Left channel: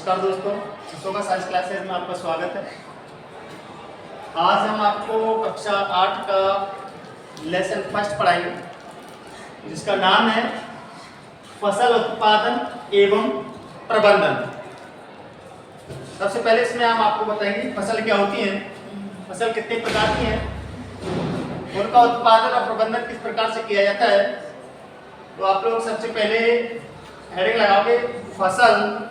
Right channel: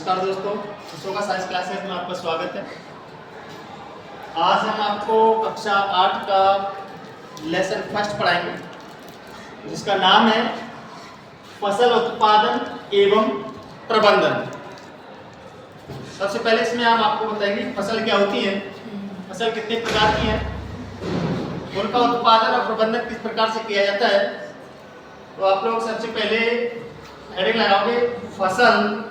नमस्कार दोस्तों, Ashoka science classes में आपका स्वागत है। आज हम आपको कक्षा 8 का लेसन फर्स्ट पढ़ाएंगे, जिसका नाम है फसल उत्पादन एवं प्रबंधन। सबसे पहले इसमें हम आपको बताएंगे फसल क्या होती है, फसल कितने प्रकार की है, उनका उत्पादन और प्रबंधन किस प्रकार से किया जाता है। तो आप लोग सबसे पहले हेडिंग लगाओगे फसल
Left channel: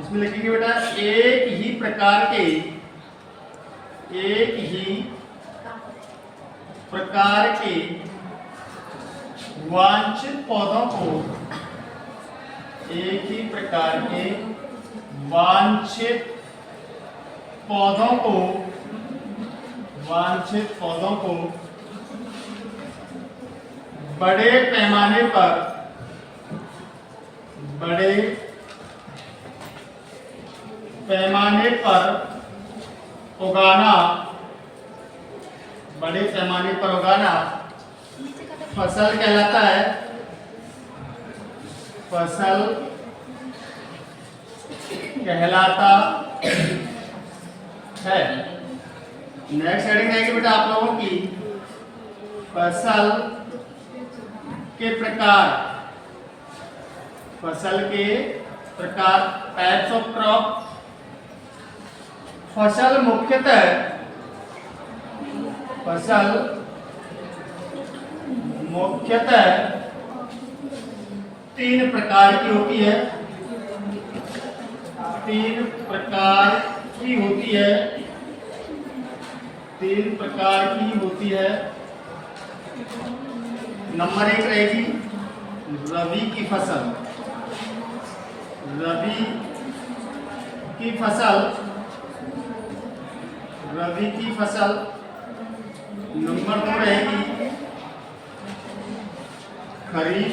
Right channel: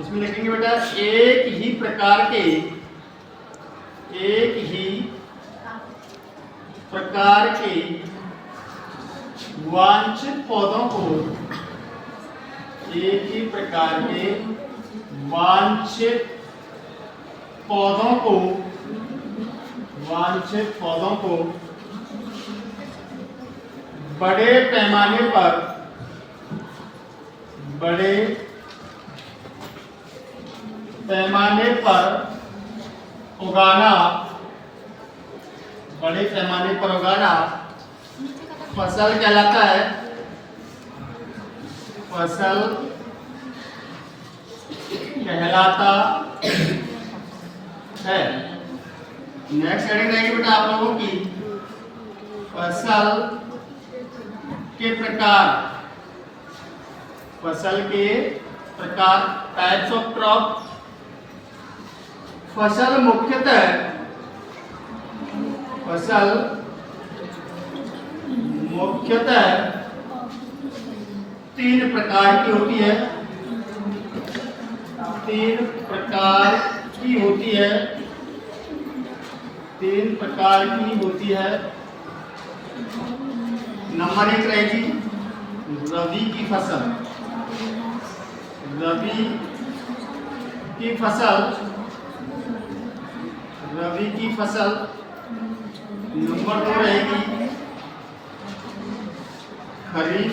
इसमें लिखेंगे बेटा एक ही प्रकार के वांछित पौधों को वांछित पौधों को बड़े पैमाने पर उगाना फसल कहलाता है। नेक्स्ट हेडिंग रहेगी बेटा आप लोगों की फसल के प्रकार टाइप्स ऑफ क्रॉप। फसल मुख्यतः तीन प्रकार की होती है। नंबर 1 रहेगी रबी की फसल। नंबर 2 रहेगी खरीफ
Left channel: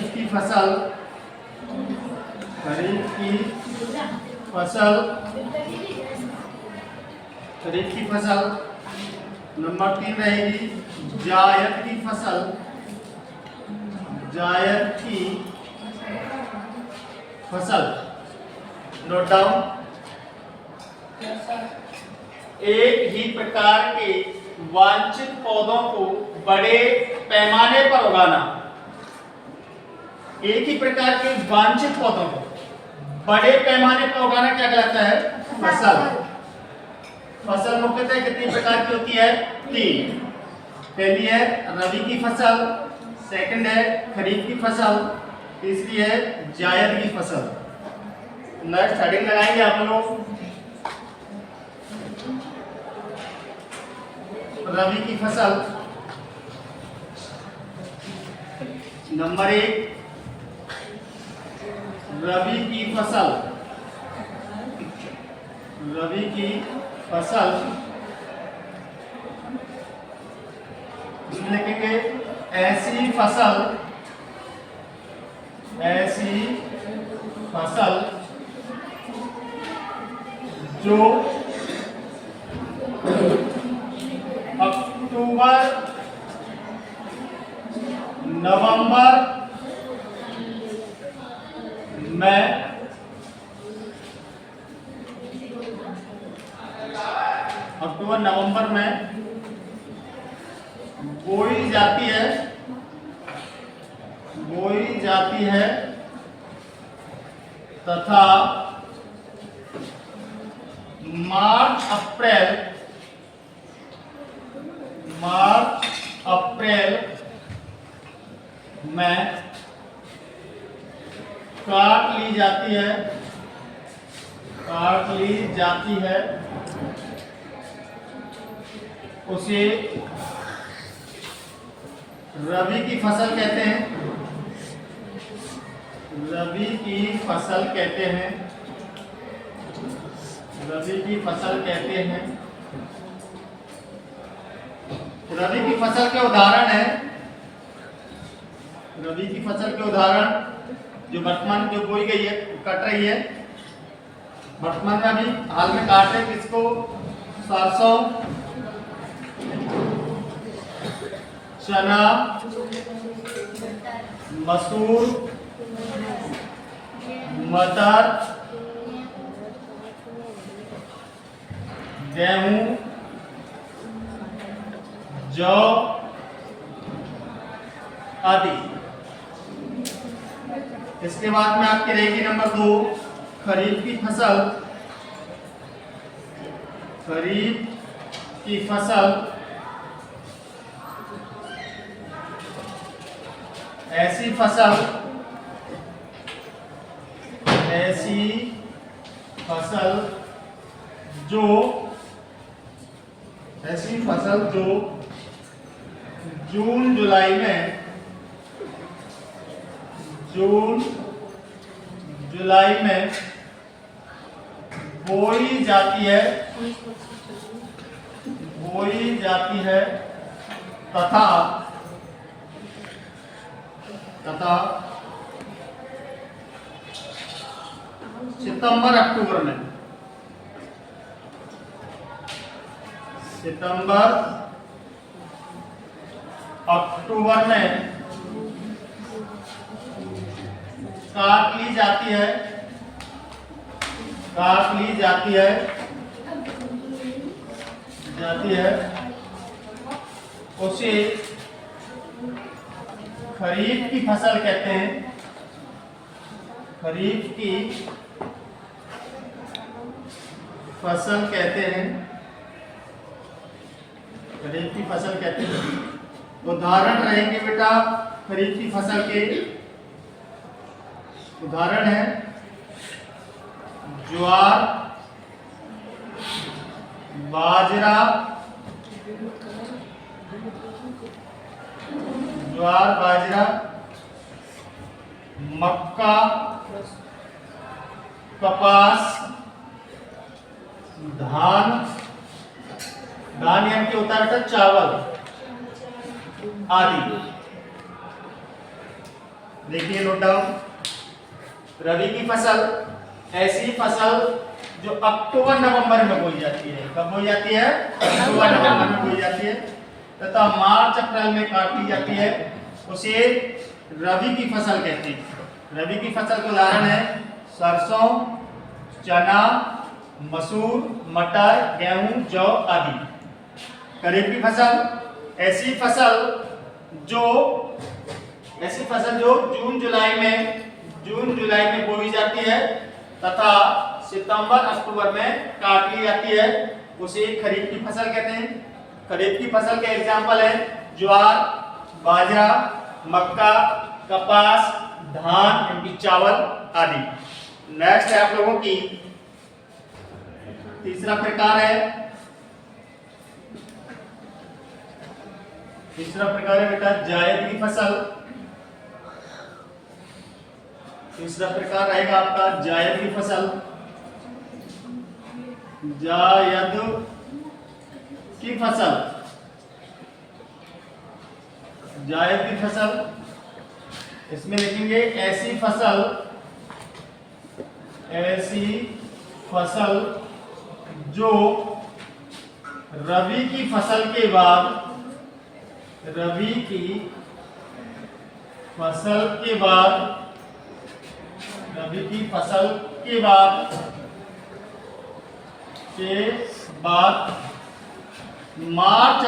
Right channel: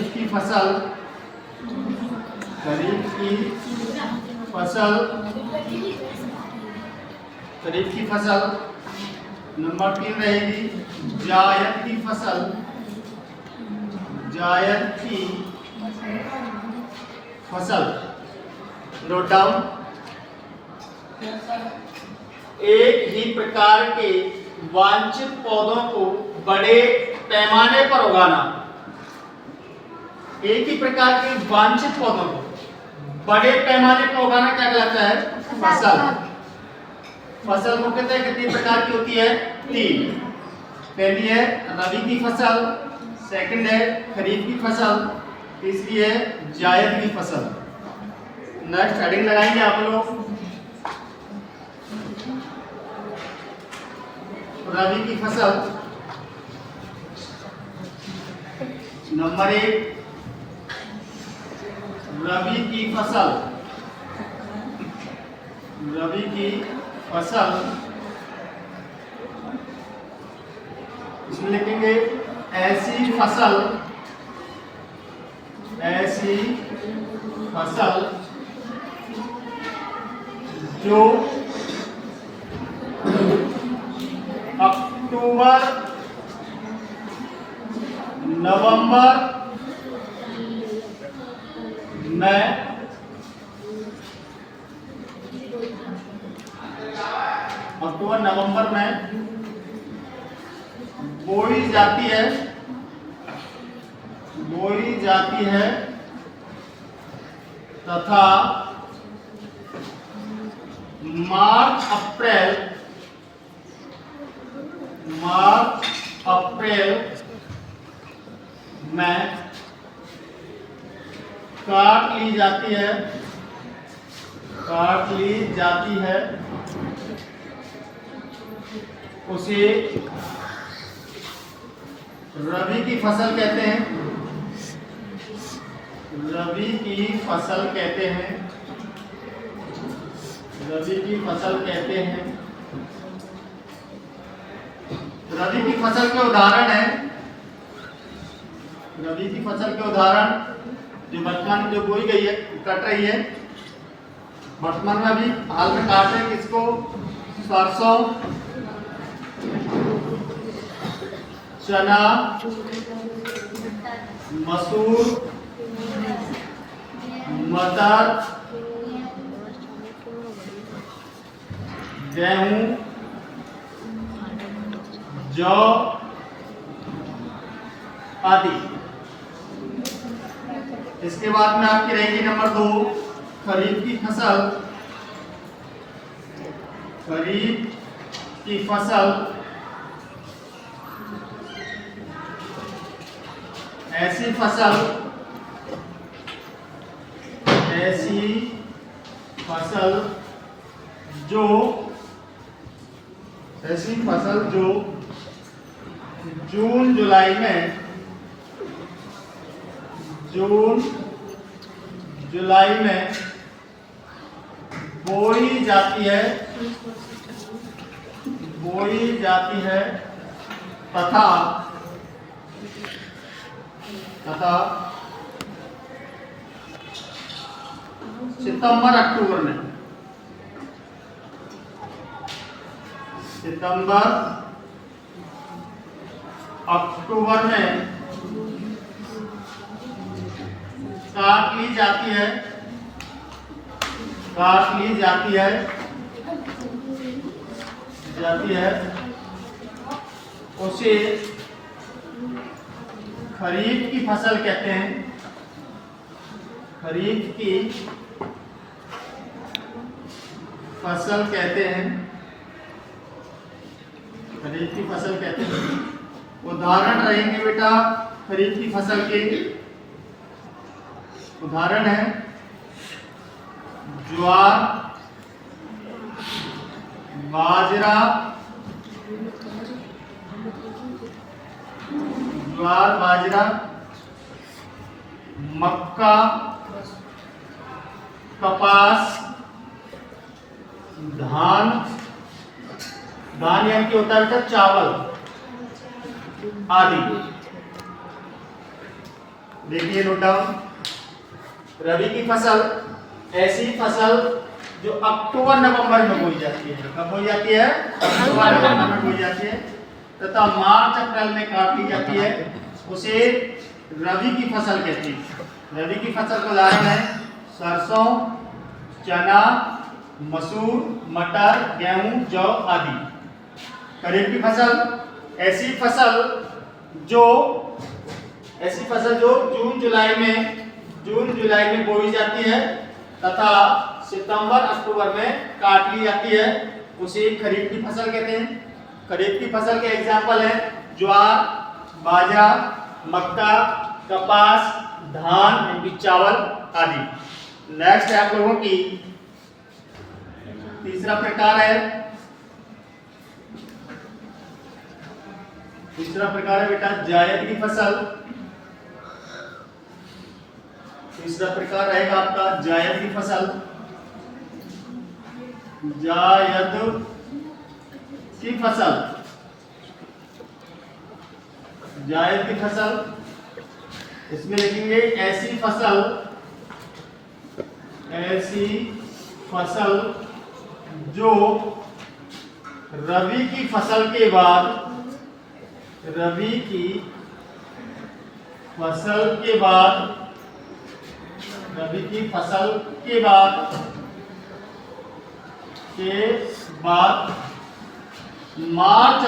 की फसल। नंबर 3 रहेगी जायद की फसल। Note down. एक ही प्रकार के वांछित पौधों को बड़े पैमाने पर उगाना। एक ही प्रकार के वांछित पौधों को बड़े पैमाने पर उगाना क्या कहलाता है? फसल मुख्यतः कितनी प्रकार की होती है? 3। पहली है रबी की फसल, सेकंड है खरीफ की फसल, तीसरी है जायद की फसल। नेक्स्ट हेडिंग लगाएंगे आप लोग रबी की फसल। नंबर 1 रबी की फसल इसमें लिखेंगे ऐसी फसल जो अक्टूबर नवंबर में बोई जाती है तथा मार्च अप्रैल में काट ली जाती है। उसे रबी की फसल कहते हैं। रबी की फसल कहते हैं। रबी की फसल के उदाहरण जो वर्तमान जो बोई गई है, कट रही है, वर्तमान में अभी हाल में काट रहे किसको? सरसों, चना, मसूर, मटर, गेहूं, जौ आदि। इसके बाद में आपकी रहेगी नंबर 2 खरीफ की फसल। खरीफ की फसल ऐसी फसल जो जून जुलाई में बोई जाती है तथा सितंबर अक्टूबर में काट ली जाती है उसे खरीफ की फसल कहते हैं। खरीफ की फसल कहते हैं। उदाहरण रहेंगे बेटा खरीफ की फसल के। उदाहरण है ज्वार, बाजरा, मक्का, कपास, धान यानी कि होता है चावल आदि। देखिए नोट डाउन। रबी की फसल ऐसी फसल जो अक्टूबर नवंबर में बोई जाती है। कब बोई जाती है? अक्टूबर नवंबर में बोई जाती है तथा मार्च अप्रैल में काट ली जाती है। उसे रबी की फसल कहते हैं। रबी की फसल का उदाहरण है सरसों, चना, मसूर, मटर, गेहूं, जौ आदि। खरीफ की फसल ऐसी फसल जो जून जुलाई में बोई जाती है तथा सितंबर अक्टूबर में काट ली जाती है। उसे खरीफ की फसल कहते हैं। खरीफ की फसल के एग्जाम्पल है ज्वार, बाजरा, मक्का, कपास, धान यानी चावल आदि। नेक्स्ट है आप लोगों की तीसरा प्रकार है बेटा जायद की फसल। तीसरा प्रकार रहेगा आपका जायद की फसल। जायद की फसल इसमें लिखेंगे ऐसी फसल जो रबी की फसल के बाद मार्च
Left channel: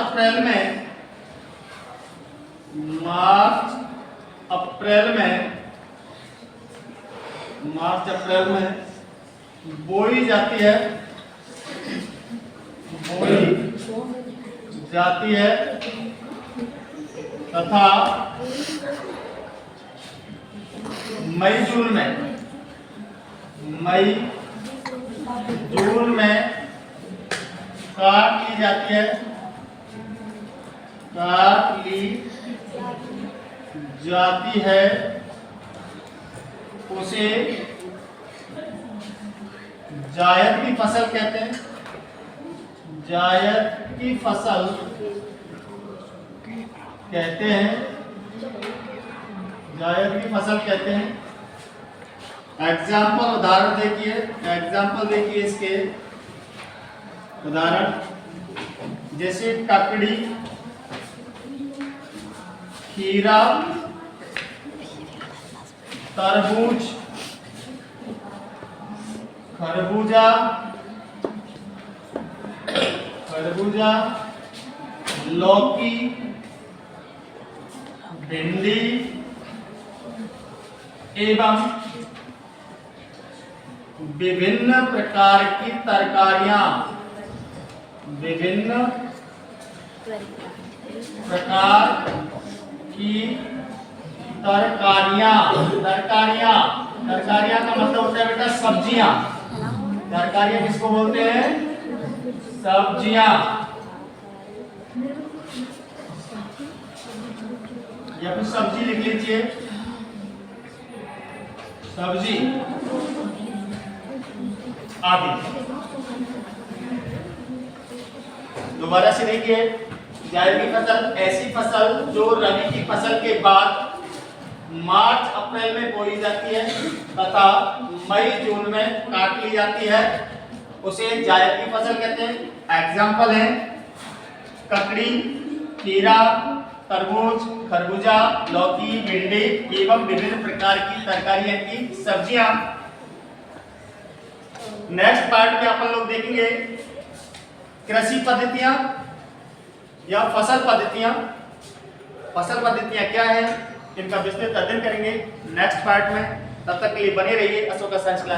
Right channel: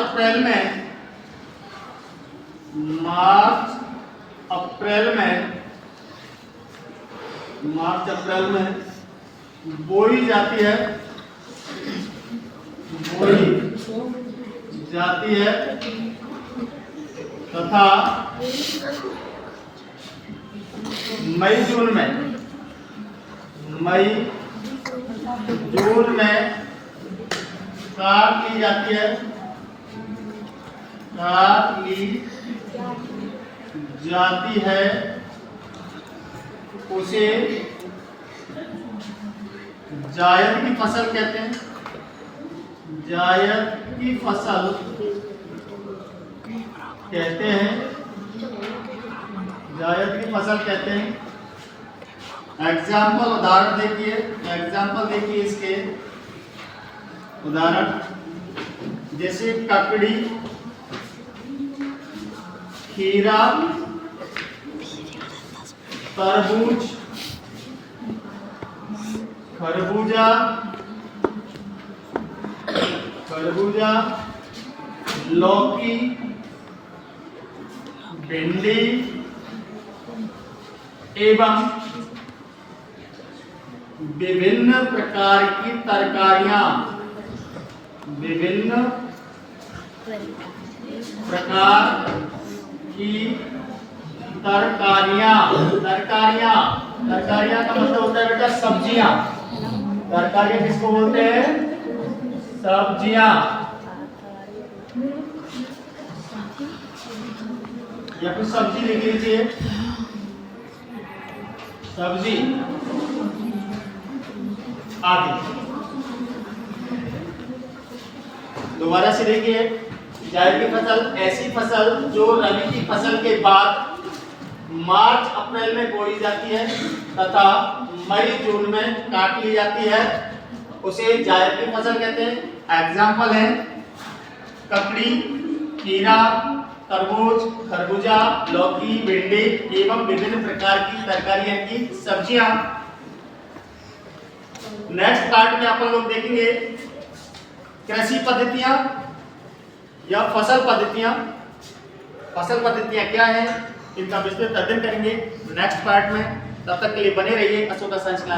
अप्रैल में बोई जाती है तथा मई जून में काट ली जाती है। उसे जायद की फसल कहते हैं। उदाहरण देखिए इसके उदाहरण जैसे ककड़ी, खीरा, तरबूज, खरबूजा, लौकी, भिंडी एवं विभिन्न प्रकार की तरकारियां, विभिन्न प्रकार की तरकारियां, तरकारियां का मतलब होता है बेटा सब्जियां। तरकारियां किसको बोलते हैं? सब्जियां। या फिर सब्जी लिख लीजिए, सब्जी आदि। दोबारा से देखिए, जायद की फसल ऐसी फसल जो रबी की फसल के बाद मार्च अप्रैल में बोई जाती है तथा मई जून में काट ली जाती है, उसे जायद की फसल कहते हैं। एग्जाम्पल है ककड़ी, खीरा, तरबूज, खरबूजा, लौकी, भिंडी एवं विभिन्न प्रकार की तरकारियां की सब्जियां। नेक्स्ट पार्ट में अपन लोग देखेंगे कृषि पद्धतियां या फसल पद्धतियां। फसल पद्धतियां क्या है, इनका विस्तृत अध्ययन करेंगे नेक्स्ट पार्ट में। तब तक के लिए बने रहिए अशोका साइंस क्लास।